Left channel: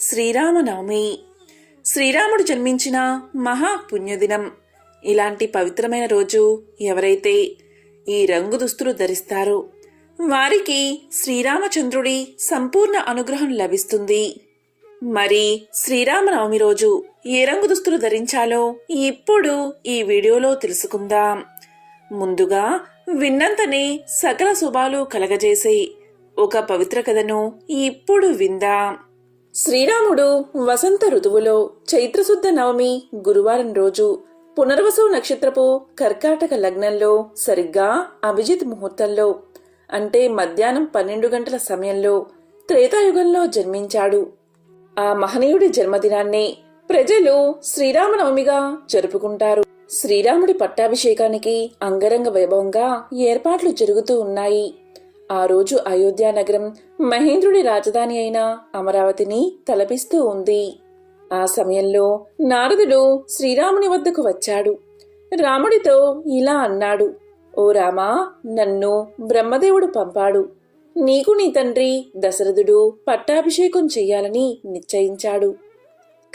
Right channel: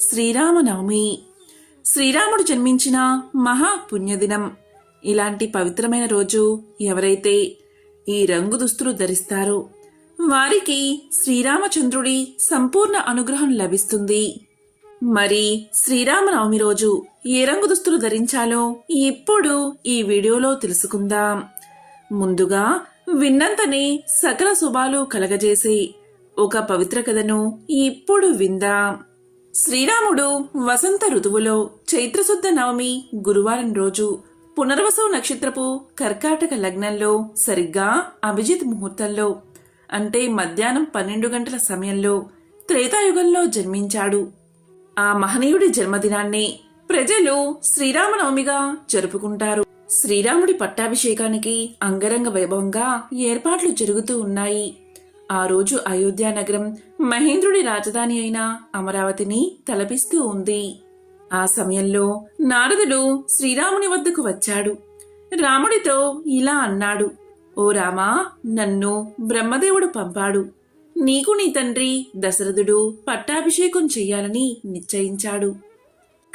శ్రీరామనవమి. శ్రీరాముడు జన్మించిన మహా పుణ్యదినం ఇలాంటి పవిత్రమైన రోజు ఎవరైతే ఈ రంగు దుస్తులు ధరిస్తారో వారికి శ్రీరామచంద్రుడి సంపూర్ణ అనుగ్రహం లభిస్తుంది. మరి శ్రీరామనవమి రోజు ఏ రంగు దుస్తులు ధరించాలో ఇప్పుడు ఈ వీడియోలో తెలుసుకుందాం. ముందుగా విన్నంతనే సకల శుభాలు కలగజేసే ఒక పవిత్ర కథను ఇప్పుడు విందాం. శ్రీరాముడు వసంత ఋతువులో చైత్రశుద్ధ నవమి గురువారం రోజు పునర్వసు నక్షత్రపు కర్కాటక లగ్నంలో సరిగ్గా అభిజిత్ ముహూర్తంలో అంటే మధ్యాహ్నం పన్నెండు గంటల సమయంలో త్రేతాయుగంలో జన్మించాడు. ఆ మహనీయుడి జన్మదినాన్ని ప్రజలు శ్రీరామనవమిగా జరుపుకుంటారు. శ్రీరాముడి పట్టాభిషేకానికి అంగరంగ వైభవంగా ఏర్పాట్లు జరుగుతూ ఉన్నాయి. ఆ రోజు అయోధ్యానగరం మహేంద్రుడి రాజధాని అయిన అమరావతిని తలపిస్తూ ఉంది. ఆ సమయంలో నారదుడు శ్రీరాముని వద్దకు వచ్చాడు. రాముడితో ఇలా అన్నాడు ఓ రామా నన్ను బ్రహ్మదేవుడు పంపాడు. నీకు నీ తండ్రి దశరథుడు పట్టాభిషేకం చెయ్యాలని నిశ్చయించాడు.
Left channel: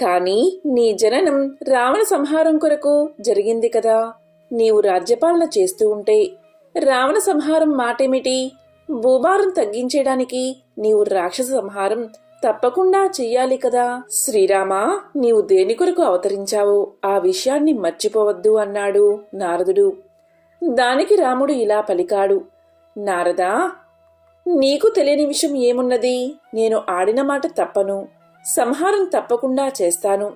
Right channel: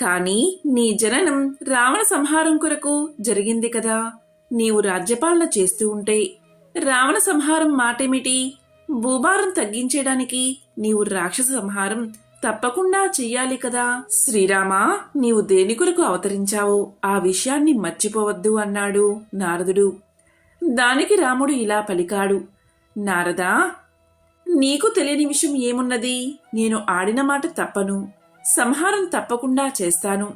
కాని నీ జననం రావణ సంహారం కొరకు జరిగింది కదా. నీవు రాజ్యపాలన చేస్తూ ఉంటే రావణ సంహారం మాటేమిటి? భూభారం తగ్గించేయడానికి నీవు రాక్షస సంహారం తప్పకుండా చెయ్యాలి కదా. శ్రీరామా నీవు దేని కొరకు అవతరించావు? ఆ విషయాన్ని మర్చిపోవద్దు అన్నాడు నారదుడు. దానికి రాముడు ఇలా పలికాడు. నారదా నీకు తెలియని విషయం ఏమున్నది? నేను ఆడిన మాట తప్పను. సంహారం తప్పకుండా చేస్తాను.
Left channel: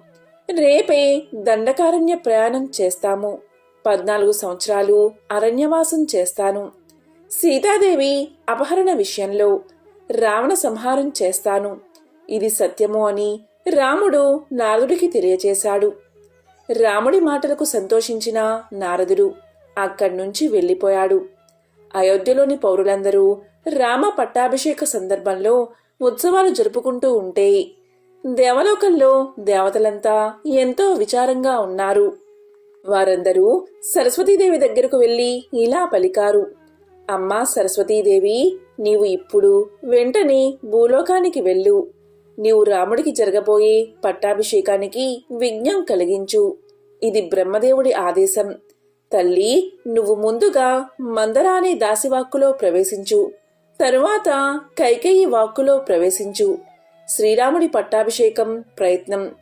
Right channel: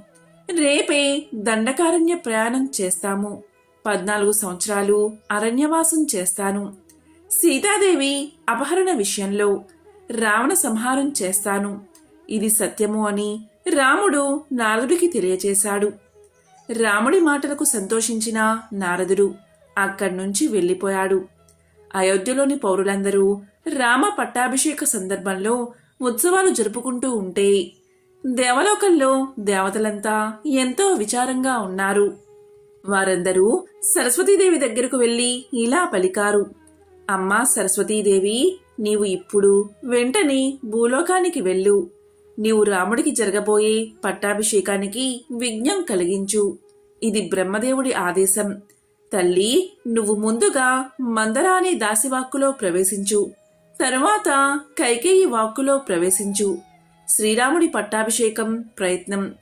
రేపే దండకారణ్య ప్రయాణం చేస్తాము. పద్నాలుగు సంవత్సరాలు అరణ్యవాసం చేస్తాను. సీతాదేవి అపహరణ విషయంలో రావణ సంహారం చేస్తాను. ఇది సత్యము అని రాముడు నారదుడికి తెలియచేశాడు. రాముడి మాటలకు సంతోషించిన నారదుడు అక్కడి నుంచి వెళ్ళిపోయాడు. అయోధ్యలోని పౌరులందరూ రామ పట్టాభిషేక సందర్భంలో ఉత్సవాలు జరుపుకుంటూ ఉంటే దేవలోకంలో దేవతలంతా ఎంతో విచారంగా ఉన్నారు. వారందరూ సరస్వతీదేవి దగ్గరకు వెళ్ళి ఇలా పలికారు. అమ్మా సరస్వతీదేవి నీవు ఇప్పుడు వెంటనే భూలోకానికి వెళ్ళు. నీవు రాముడికి జరగబోయే పట్టాభిషేకానికి విఘ్నం కలిగించు. ఇది బ్రహ్మదేవుడి ఆదేశం. తల్లి నువ్వు ముందుగా మందర అనే దాసివాక్కులో ప్రవేశించు. తరువాత కైకేయి వాక్కులో ప్రవేశించు. శ్రీరాముడి పట్టాభిషేకం ప్రయత్నం.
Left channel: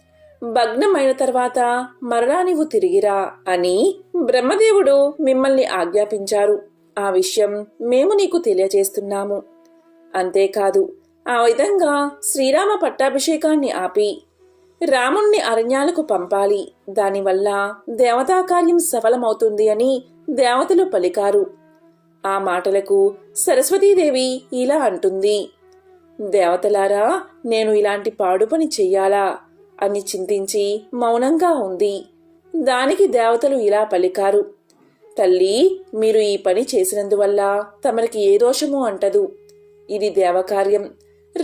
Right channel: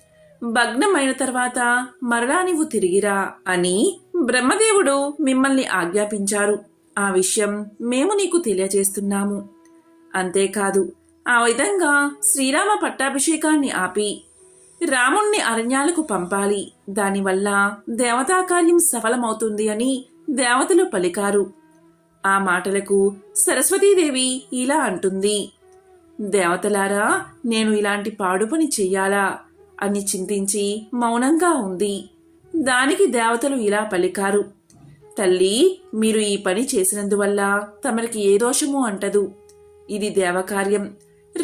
భగ్నమైన తర్వాత మరలా నీవు తిరిగిరా అని బ్రహ్మదేవుడు మిమ్మల్ని ఆజ్ఞాపించారు. ఆ విషయం మేము నీకు తెలియజేస్తున్నాము. అంతేకాదు ఆ విధంగా శ్రీరామ పట్టాభిషేకాన్ని ఆపి రాముణ్ణి అరణ్యాలకు పంపాలి. దానివల్ల దేవతా కార్యం సఫలమవుతుంది అని దేవతలు పలికారు. ఆ మాటలకు సరస్వతీదేవి ఇలా అంటుంది దేవతలారా నేను ఇలాంటి పాడు పని చెయ్యాలా? అని చింతించి మౌనంగా ఉంది. దానికి దేవతలు ఇలా పలికారు తల్లి మీరు ఈ పని చేసినందువల్ల తమరికి ఏ దోషము అంటదు. ఇది దేవకార్యం.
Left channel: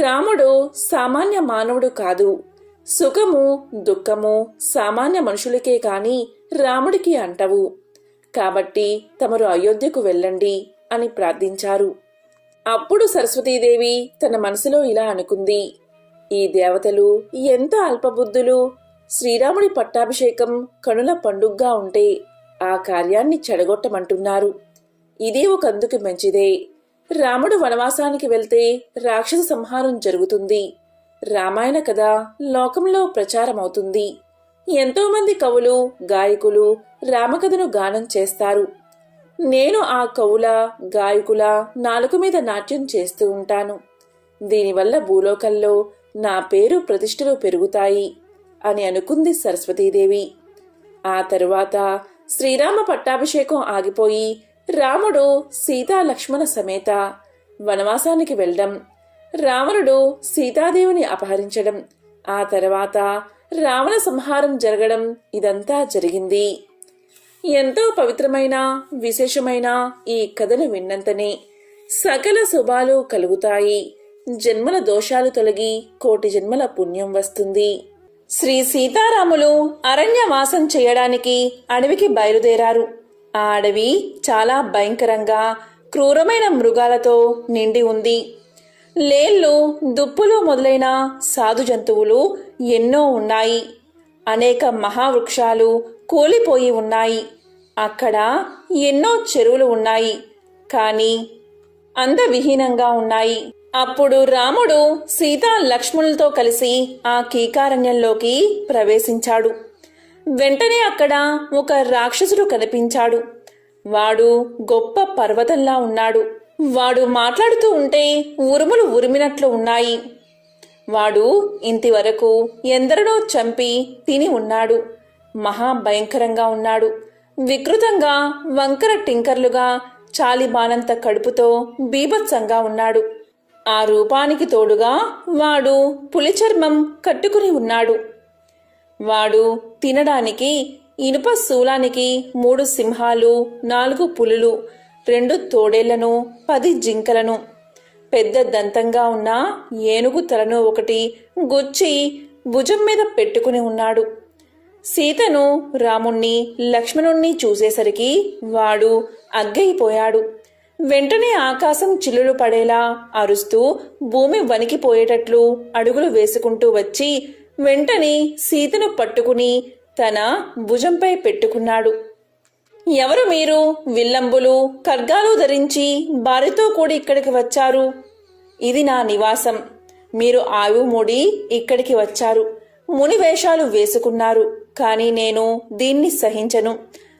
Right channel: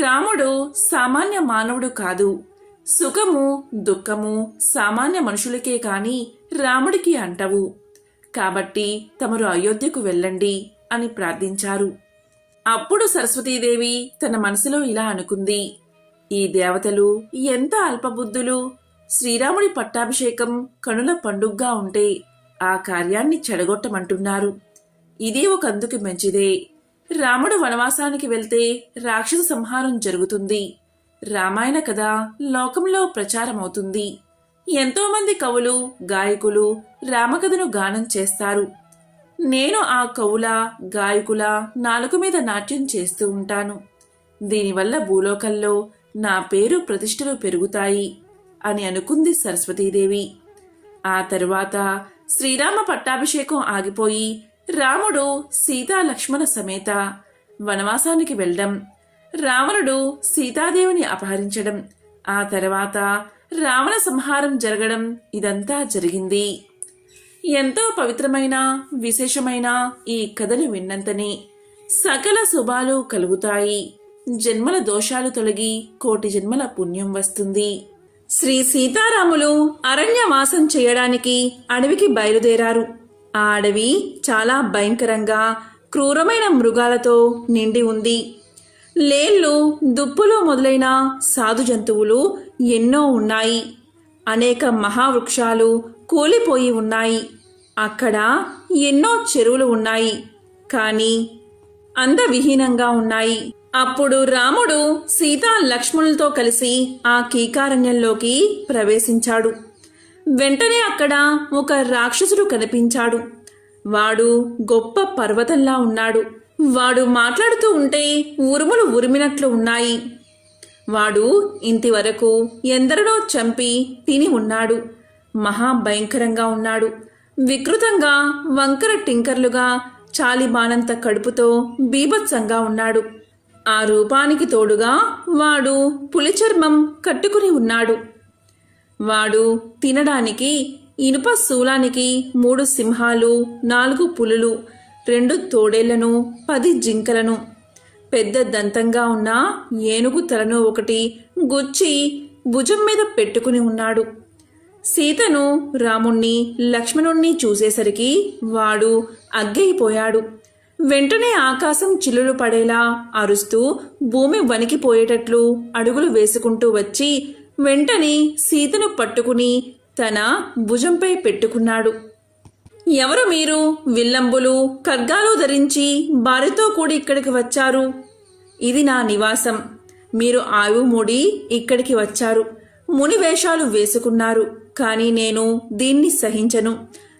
రాముడు సామాన్య మానవుడు కాదు. సుఖము దుఃఖము సామాన్య మనుషులకే కాని రాముడికి అంటవు. కాబట్టి తమరు అయోధ్యకు వెళ్ళండి అని ప్రార్థించారు. అప్పుడు సరస్వతీదేవి తన మనసులో ఇలా అనుకుంది. ఈ దేవతలు ఎంత అల్పబుద్ధులు. శ్రీరాముడి పట్టాభిషేకం కనుల పండుగ్గా ఉంటే ఆ కార్యాన్ని చెడగొట్టమంటున్నారు. ఇదే ఒక అందుకు మంచిదే. రాముడు వనవాసానికి వెళ్తే రాక్షస సంహారం జరుగుతుంది. రామాయణ కథ లోకంలో ప్రచారమవుతుంది. ఎంతోమంది కవులు గాయకులు రామకథను గానం చేస్తారు. నేను ఆ కవుల గాయకుల నాలుక మీద నాట్యం చేస్తూ ఉంటాను. దీనివల్ల భూలోకంలో నా పేరు ప్రతిష్టలు పెరుగుతాయి అని అనుకుంది సరస్వతీదేవి. ఆ తరువాత శ్రీరామ పట్టాభిషేకం ఆగిపోయి రాముడు సీతా లక్ష్మణ సమేత వనవాసానికి వెళ్ళడం రావణుడు సీతాదేవిని అపహరించడం ఆ తర్వాత రావణ సంహారం జరగడం ఇదంతా జరిగింది. ఎంతో పవిత్రమైన విశేషమైన ఈ కథను విన్నంతనే సకల శుభాలు కలుగుతాయి. జన్మల దోషాలు తొలగి కోటి జన్మల పుణ్యం వస్తుంది. శ్రీ సీతారాములు అరణ్యవాసం చేయడానికి అడవికి బయలుదేరారు. ఆ అడవి చాలా భయంకరంగా క్రూరమైన మృగాలతో నిండి ఉంది. లేళ్ళు దుప్పులు మొదలైన సాధు జంతువులు ఎన్నో ఉన్నాయి. అనేక మహావృక్షాలు కూలిపోయి ఉన్నాయి. అక్కడ ఎన్నో చెరువులు ఉన్నాయి. కానీ అందవిహీనంగా ఉన్నాయి. అప్పుడు రాముడు సీతా లక్ష్మణులతో కలిసి ఆ కీకారణ్యంలోకి ప్రవేశించాడు. వెంటనే అక్కడ ఒక రాక్షసుడు కనిపించాడు. వాడు గొప్ప పర్వతంలా ఉన్నాడు. వాడు మాట్లాడుతూ ఉంటే ఉరుములు ఉరిమినట్లు ఉన్నాయి. వాడు ఇంటివరకు ఎందరినో చంపి తిని ఉన్నాడు. మహాభయంకరంగా ఉన్నాడు. వికృతంగా వంకర టింకర్లుగా చాలిబానంత కడుపుతో బీభత్సంగా ఉన్నాడు. ఆ రూపానికి తోడుగా వాడు పులిచర్మం కట్టుకుని ఉన్నాడు. వాడు తినడానికి ఇనుప శూలానికి మూడు సింహాలు నాలుగు పులులు రెండు తోడేళ్ళను పది జింకలను. పెద్ద దంతంగా ఉన్న ఏనుగు తలను ఒకటి గుచ్చి భుజం మీద పెట్టుకుని ఉన్నాడు. సీతను రాముణ్ణి లక్ష్మణుణ్ణి చూసేసరికి వాడు అగ్గైపోయాడు. వెంటనే ఆకాశం చిల్లులు పడేలా అరుస్తూ భూమి వణికిపోయేటట్లు అడుగులు వేసుకుంటూ వచ్చి వెంటనే సీతను పట్టుకుని తన భుజంపై పెట్టుకున్నాడు. ఎవరు మీరు? విల్లంబులు ఖడ్గాలు ధరించి భార్యతో కూడి ఇక్కడికి వచ్చారు. ఇది నా నివాసం. మీరు ఆయువు మూడి ఇక్కడికి వచ్చారు. ముని వేషాలు వేసుకున్నారు. కానీ నేను దీన్ని సహించను.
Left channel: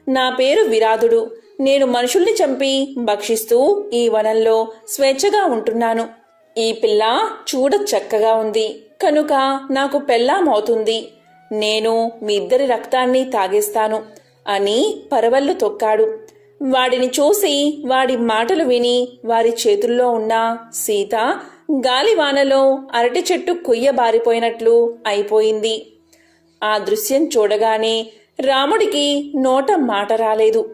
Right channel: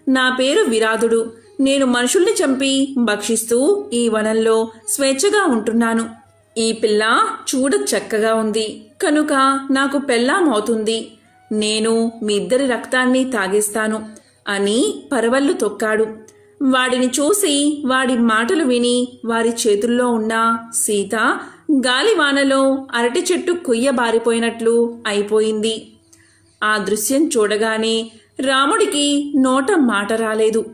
నా పేరు విరాధుడు నేను మనుషుల్ని చంపి భక్షిస్తూ ఈ వనంలో స్వేచ్ఛగా ఉంటున్నాను. ఈ పిల్ల చూడ చక్కగా ఉంది. కనుక నాకు పెళ్ళామవుతుంది. నేను మీ ఇద్దరి రక్తాన్ని తాగేస్తాను అని పరవళ్ళు తొక్కాడు. వాడిని చూసి వాడి మాటలు విని వారి చేతుల్లో ఉన్న సీత గాలివానలో అరటి చెట్టు కొయ్యబారిపోయినట్లు అయిపోయింది. ఆ దృశ్యం చూడగానే రాముడికి నోట మాట రాలేదు.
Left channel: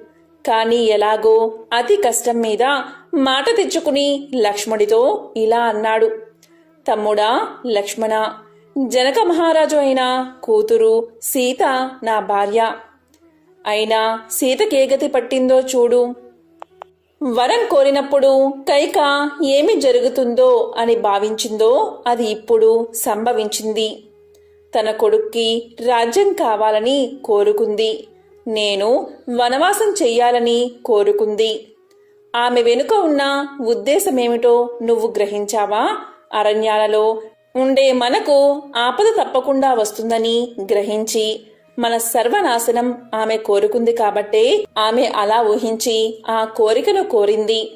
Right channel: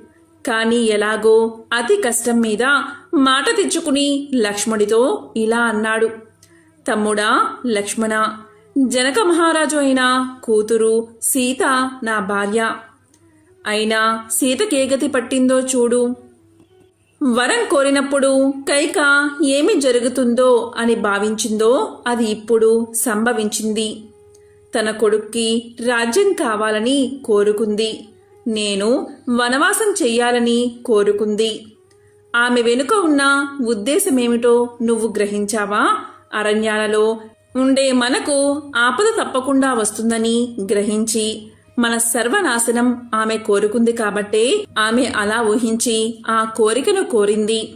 కానీ ఎలాగో అతి కష్టం మీద మాట తెచ్చుకుని లక్ష్మణుడితో ఇలా అన్నాడు. తమ్ముడా లక్ష్మణ జనక మహారాజు అయిన కూతురు సీత నా భార్య. అయినా సీతకేగతి పట్టిందో చూడు. వరం కోరినప్పుడు కైక ఏమి జరుగుతుందో అని భావించిందో అది ఇప్పుడు సంభవించింది. తన కొడుక్కి రాజ్యం కావాలని కోరుకుంది. నేను వనవాసం చెయ్యాలని కోరుకుంది. ఆమె వెనుక ఉన్న ఉద్దేశమేమిటో నువ్వు గ్రహించావా? అరణ్యాలలో ఉండే మనకు ఆపద తప్పకుండా వస్తుందని గ్రహించి మన సర్వనాశనం ఆమె కోరుకుంది కాబట్టే ఆమె అలా ఊహించి ఆ కోరికను కోరింది.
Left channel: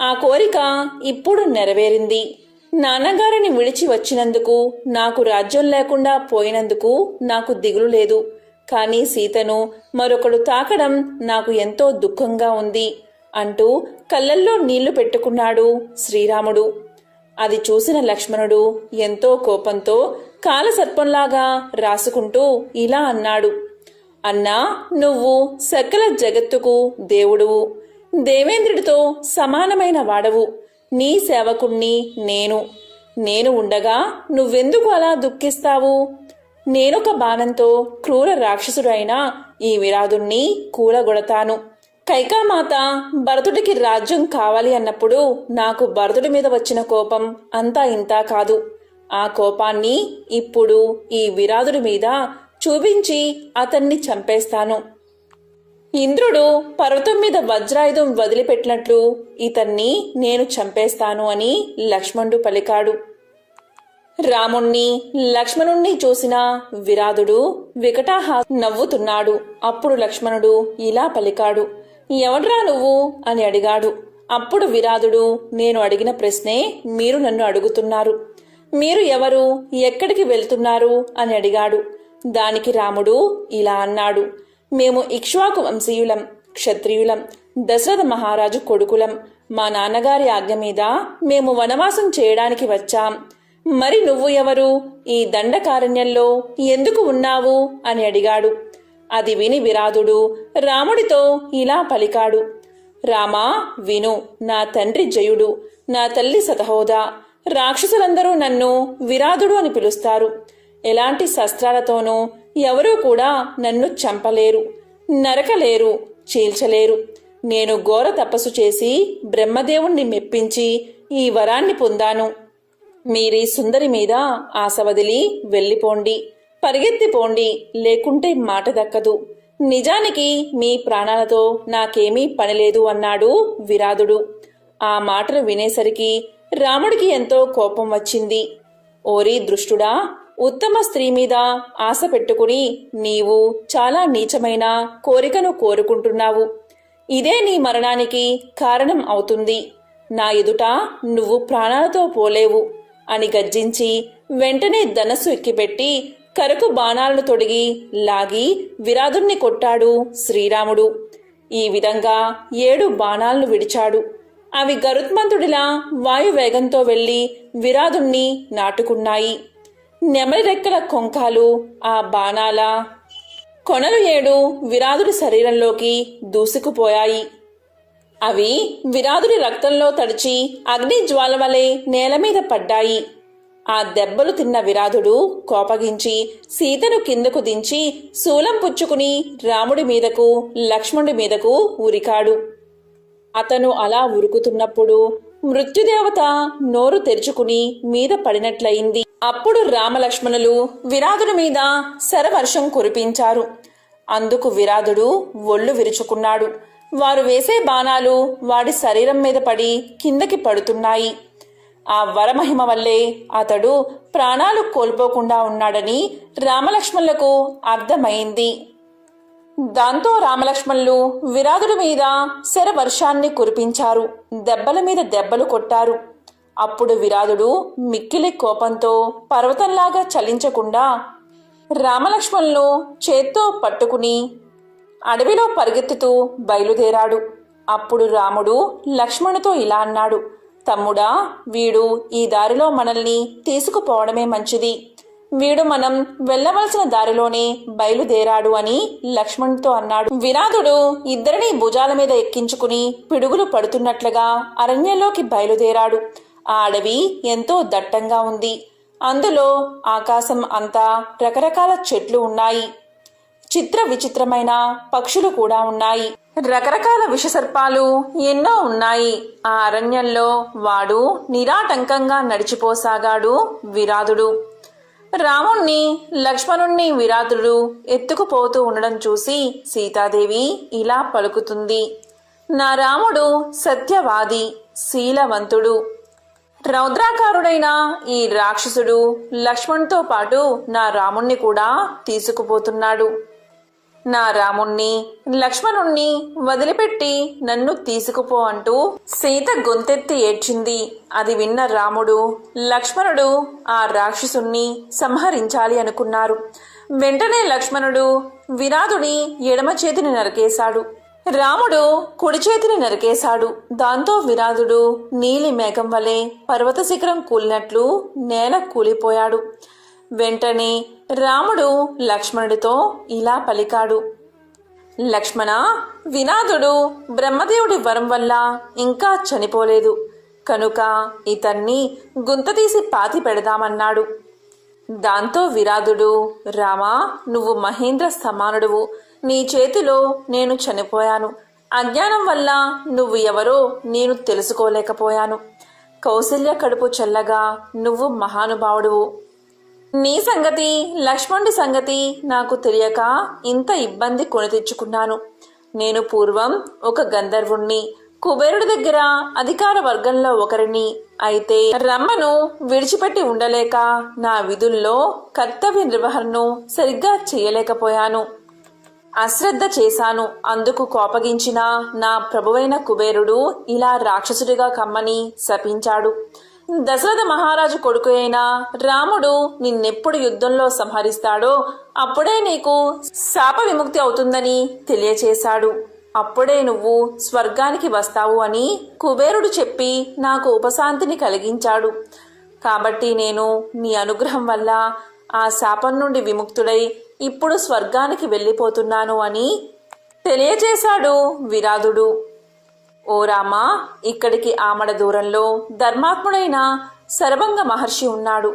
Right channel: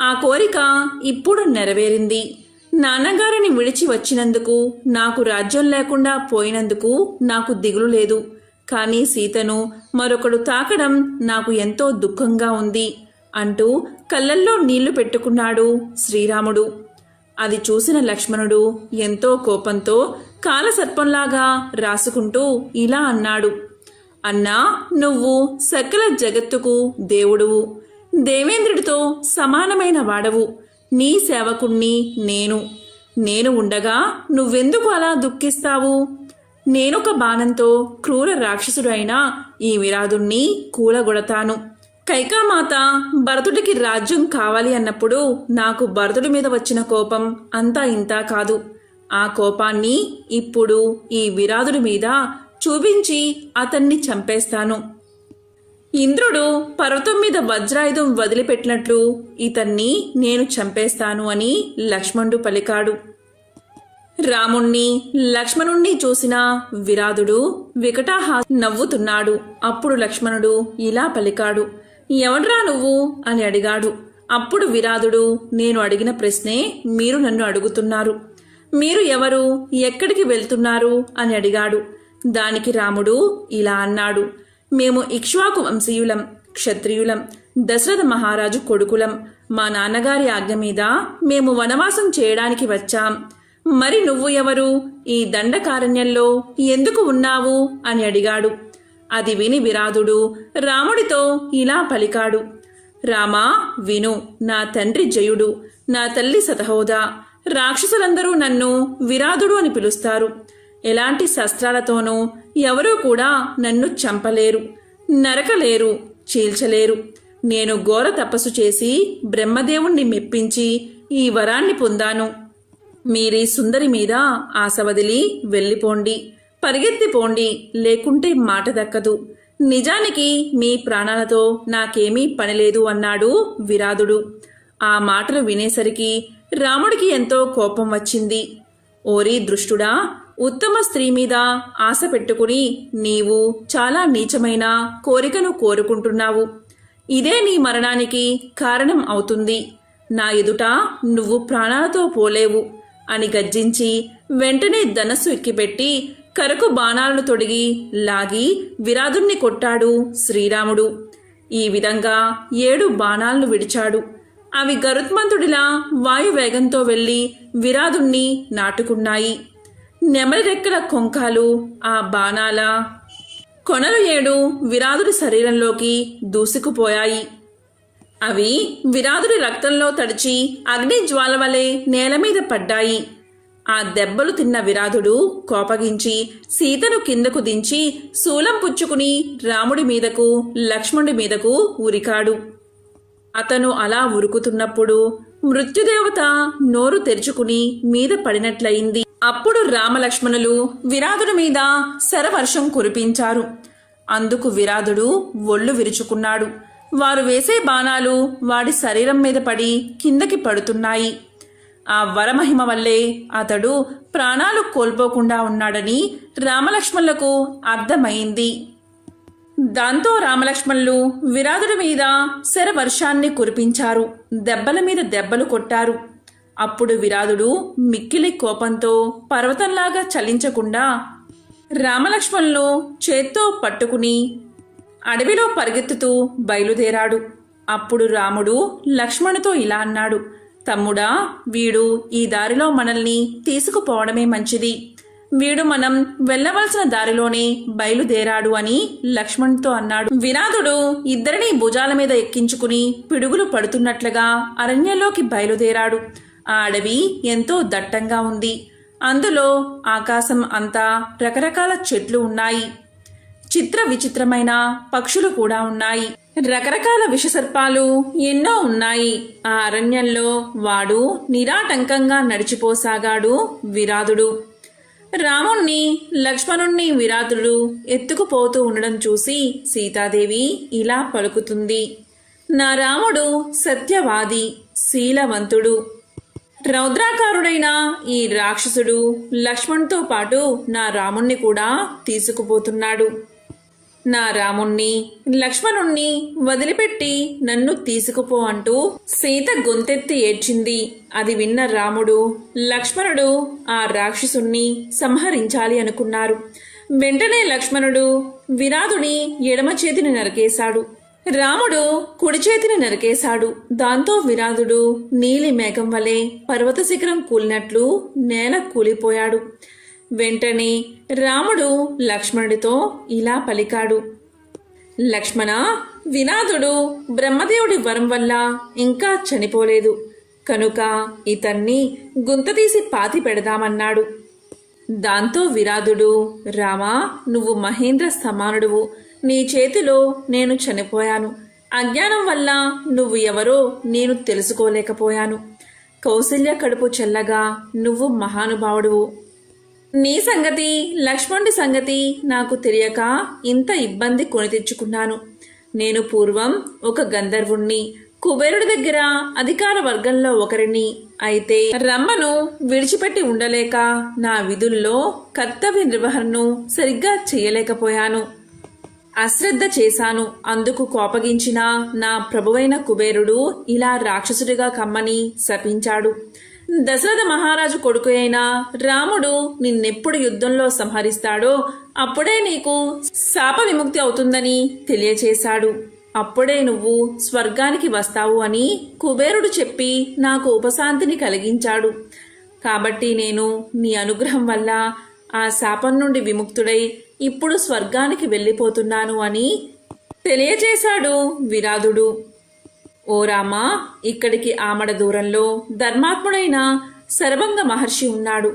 ఆ కోరిక ఇప్పుడు నెరవేరింది. నాన్నగారిని విడిచి వచ్చినందుకు నాకు రాజ్యం లేకుండా పోయినందుకు నాకు దిగులు లేదు. కానీ సీతను మరొకడు తాకడం నాకు ఎంతో దుఃఖంగా ఉంది అంటూ కళ్ళల్లో నీళ్ళు పెట్టుకున్నాడు శ్రీరాముడు. అది చూసిన లక్ష్మణుడు ఎంతో కోపంతో కాలసర్పంలాగా రాసుకుంటూ ఇలా అన్నాడు. అన్నా నువ్వు సకల జగత్తుకు దేవుడువు. దేవేంద్రుడితో సమానమైన వాడవు. నీ సేవకుణ్ణి నేను. నేను ఉండగా నువ్వెందుకు అలా దుఃఖిస్తావు? నేనొక బాణంతో క్రూర రాక్షసుడైన ఈ విరాధుణ్ణి కూలగొడతాను. కైకామాత భరతుడికి రాజ్యం కావాలి అన్నప్పుడు నాకు భరతుడి మీద వచ్చిన కోపం అంతా ఇంతా కాదు. ఆ కోపాన్ని ఇప్పుడు ఈ విరాధుడి మీద చూపించి అతన్ని చంపేస్తాను. ఇంద్రుడు పర్వతం మీద వజ్రాయుధం వదిలిపెట్టినట్లు ఇతన్ని నేను చంపేస్తాను అని లక్ష్మణుడు పలికాడు. రాముణ్ణి లక్ష్మణుణ్ణి చూసిన విరాధుడు వికటాహా నవ్వుతున్నాడు. అప్పుడు లక్ష్మణుడు ఇలా పలికాడు. ఎవడ్రా నువ్వు? అని అడిగాడు. అప్పుడు విరాధుడు నేను అడిగిన ప్రశ్నే మీరు నన్ను అడుగుతున్నారు. మీరు ఎవరు? ఎక్కడికి వెళ్తున్నారు? అని అడిగాడు. దానికి రాముడు ఇలా అన్నాడు. మేము ఇక్ష్వాకు వంశీయులం క్షత్రియులం దశరథ మహారాజు కొడుకులం. మా నాన్నగారి ఆజ్ఞ మీద మేము వనవాసం చేయడానికి వచ్చాం. మరి నువ్వు ఎవరు? ఈ దండకారణ్యంలో ఎందుకు ఉన్నావు? అని అడిగాడు. అది విని విరాధుడు రాముడితో ఇలా పలికాడు. రామా విను నా తండ్రి జయుడు నా తల్లి సతహోదా రాక్షసులందరూ నన్ను విరాధుడు అని పిలుస్తారు. ఎలాంటి శస్త్రాలతోనూ ఎవరూ కూడా నన్ను చంపలేరు నరకలేరు చీల్చలేరు. నేను ఘోర తపస్సు చేసి బ్రహ్మదేవుణ్ణి మెప్పించి ఈ వరాన్ని పొందాను. మీరీ సుందరి మీద ఆశ వదిలి వెళ్ళిపోండి పరిగెత్తిపోండి లేకుంటే మాట దక్కదు. నిజానికి మీ ప్రాణాలతో నాకేమీ పనిలేదు అన్నాడు విరాధుడు ఆ మాటలు వినేసరికి రాముడికి ఎంతో కోపం వచ్చింది. ఓరి దృష్టుడా ఉత్తమ స్త్రీ మీద ఆశ పెట్టుకుని నీవు చాలా నీచమైన కోరికను కోరుకుంటున్నావు. ఇదే నీ మరణానికి కారణం అవుతుంది. నా ఎదుట నువ్వు ప్రాణాలతో పోలేవు. అని గర్జించి వెంటనే ధనస్సు ఎక్కిపెట్టి కరకు బాణాలను తొడిగి లాగి విరాధుణ్ణి కొట్టాడు శ్రీరాముడు. ఈ విధంగా ఏడు బాణాలను విడిచాడు. అవి గరుత్మంతుడిలా వాయువేగంతో వెళ్ళి విరాధుణ్ణి నాటుకున్నాయి. నెమలి రెక్కల కొంకాలు ఆ బాణాల కొనలు ఏడు విరాధుడి శరీరంలోకి దూసుకుపోయాయి. అవి విరాధుడి రక్తంలో తడిచి అగ్ని జ్వాల వలె నేల మీద పడ్డాయి. ఆ దెబ్బలు తిన్న విరాధుడు కోపగించి సీతను కిందకు దించి శూలం పుచ్చుకుని రాముడి మీదకు లక్ష్మణుడి మీదకు ఉరికాడు అతను అలా ఉరుకుతున్నప్పుడు మృత్యుదేవత నోరు తెరుచుకుని మీద పడినట్లయింది. అప్పుడు రామలక్ష్మణులు విరాధుడి మీద శరవర్షం కురిపించారు. అందుకు విరాధుడు ఒళ్ళు విరుచుకున్నాడు. వారు వేసే బాణాలు వాడి శరీరం మీద పడి కిందకి పడుతున్నాయి. ఆ వరమహిమ వల్లే అతడు ప్రాణాలు కోల్పోకుండా ఉన్నాడని రామలక్ష్మణులకు అర్థమైంది. దాంతో రామలక్ష్మణులు విరాధుడి మీద శరవర్షాన్ని కురిపించారు. దెబ్బల మీద దెబ్బలు కొట్టారు. అప్పుడు విరాధుడు మిక్కిలి కోపంతో పర్వతంలాగా చలించకుండా రామలక్ష్మణులు చేత్తో పట్టుకుని అడవిలో పరిగెత్తుతూ బయలుదేరాడు. అప్పుడు రాముడు లక్ష్మణుతో ఇలా అన్నాడు తమ్ముడా వీడు ఈ దారిలో మనల్ని తీసుకుపోవడమే మంచిది. వీడు మనం వెళ్ళవలసిన దారిలోనే బయలుదేరాడు అని లక్ష్మణుతో అన్నాడు. వినాథుడు ఇద్దరిని భుజాల మీద ఎక్కించుకుని పిడుగులు పడుతున్నట్లుగా అరణ్యంలోకి బయలుదేరాడు. ఆ అడవి ఎంతో దట్టంగా ఉంది. అందులో ఆకాశం అంతా రకరకాల చెట్లు ఉన్నాయి. చిత్ర విచిత్రమైన పక్షులు కూడా ఉన్నాయి. రకరకాల విషసర్పాలు ఎన్నో ఉన్నాయి. ఆ అరణ్యంలో వాడు నిరాటంకంగా నడిచిపోసాగాడు విరాధుడు రాముణ్ణి లక్ష్మణుణ్ణి విరాధుడు ఎత్తుకుపోతూ ఉండడం చూసి సీతాదేవి ఇలా పలుకుతుంది. నా రాముడు సత్యవాది శీలవంతుడు. రౌద్రాకారుడైన ఈ రాక్షసుడు లక్ష్మణ్తో పాటు నా రాముణ్ణి కూడా తీసుకుపోతున్నాడు. నా రాముణ్ణి లక్ష్మణుణ్ణి వదిలిపెట్టి నన్ను తీసుకుపో అంటూ సీత గొంతెత్తి ఏడ్చింది. అది విన్న రాముడు లక్ష్మణుడు ఆ రాక్షసుణ్ణి సంహరించాలి అనుకున్నారు. వెంటనే లక్ష్మణుడు విరాధుని ఎడమ చేతిని నరికేశాడు. రాముడు కుడి చేతిని నరికేశాడు. దాంతో విరాధుడు నీలి మేఘం వలె పర్వత శిఖరం కూలినట్లు నేల కూలిపోయాడు. వెంటనే రాముడు లక్ష్మణుడితో ఇలా పలికాడు. లక్ష్మణ వినాథుడు బ్రహ్మదేవుడి వరం వల్ల ఇంకా చనిపోలేదు. కనుక ఇతన్ని గుంతతీసి పాతి పెడదామన్నాడు. దాంతో విరాధుడు రామా నువ్వు మహేంద్ర సమానుడువు. నీ చేతిలో నేను చనిపోయాను. అజ్ఞానం వల్ల నువ్వు ఎవరో నేను తెలుసుకోలేకపోయాను. కౌశల్య కడుపు చల్లగా నువ్వు మహానుభావుడువు. నీ సంగతి లక్ష్మణుడి సంగతి నాకు తెలియక ఇంత ఇబ్బంది కొని తెచ్చుకున్నాను. నేను పూర్వం ఒక గంధర్వుణ్ణి కుబేరుడి దగ్గర అధికార వర్గంలో ఒకరిని అయితే రమ్మను విడిచిపెట్టి ఉండలేక నా విధుల్లో కర్తవ్య నిర్వహణను సరిగ్గా చేయలేకపోయాను. అశ్రద్ధ చేశాను. అందుకు కోపగించిన నా ప్రభువైన కుబేరుడు ఇలా రాక్షసుడిగా కమ్మని శపించాడు. దశరథ మహారాజు కొడుకు అయిన రాముడు నిన్నెప్పుడు యుద్ధంలో సంహరిస్తాడో అప్పుడే నీకు శాప విముక్తి అవుతుందని తెలియచేశాడు. అప్పుడే నువ్వు స్వర్గానికి వస్తావు అని కుబేరుడు చెప్పి నాకు ఉపశాంతిని కలిగించాడు. కాబట్టి నేను నీ అనుగ్రహం వల్ల ఆ శాపం నుండి విముక్తుడై ఇప్పుడు స్వర్గానికి వెళ్ళిపోతున్నాను అని తెలియచేశాడు విరాధుడు ఓ రామా ఇక్కడికి ఆమడ దూరంలో ధర్మాత్ముడైన శరభంగ మహర్షి ఉన్నాడు.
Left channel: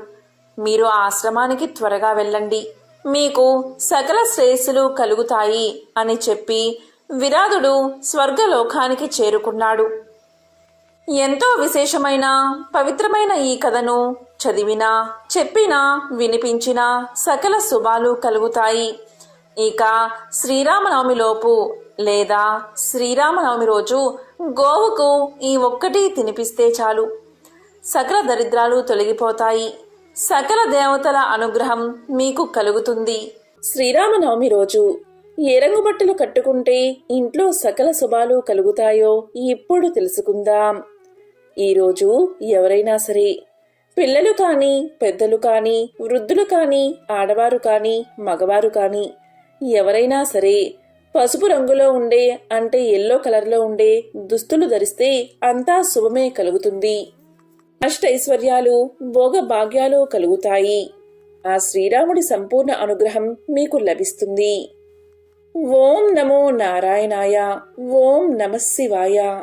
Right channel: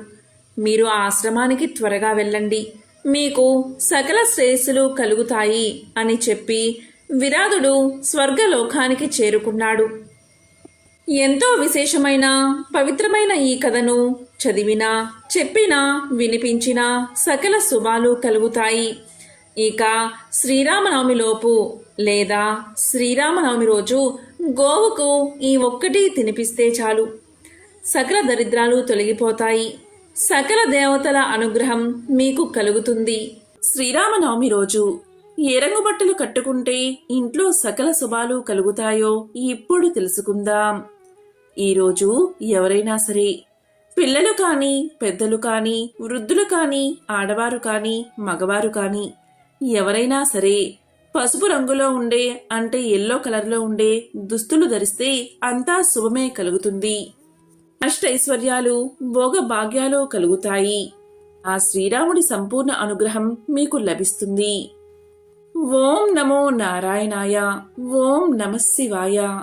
మీరు ఆ ఆశ్రమానికి త్వరగా వెళ్ళండి. మీకు సకల శ్రేయస్సులు కలుగుతాయి అని చెప్పి విరాధుడు స్వర్గలోకానికి చేరుకున్నాడు. ఎంతో విశేషమైన పవిత్రమైన ఈ కథను చదివినా చెప్పినా వినిపించినా సకల శుభాలు కలుగుతాయి. ఇక శ్రీరామనవమిలోపు లేదా శ్రీరామనవమి రోజు గోవుకు ఈ ఒక్కటి తినిపిస్తే చాలు. సకల దరిద్రాలు తొలగిపోతాయి. సకల దేవతల అనుగ్రహం మీకు కలుగుతుంది. శ్రీరామనవమి రోజు ఏ రంగు బట్టలు కట్టుకుంటే ఇంట్లో సకల శుభాలు కలుగుతాయో ఇప్పుడు తెలుసుకుందాం. ఈరోజు ఎవరైనా సరే పిల్లలు కానీ పెద్దలు కానీ వృద్ధులు కానీ ఆడవారు కానీ మగవారు కానీ ఎవరైనా సరే పసుపు రంగులో ఉండే అంటే ఎల్లో కలర్లో ఉండే దుస్తులు ధరిస్తే అంతా శుభమే కలుగుతుంది. అష్టైశ్వర్యాలు భోగ భాగ్యాలు కలుగుతాయి. ఆ శ్రీరాముడి సంపూర్ణ అనుగ్రహం మీకు లభిస్తుంది. ఓం నమో నారాయణాయ ఓం నమశివాయ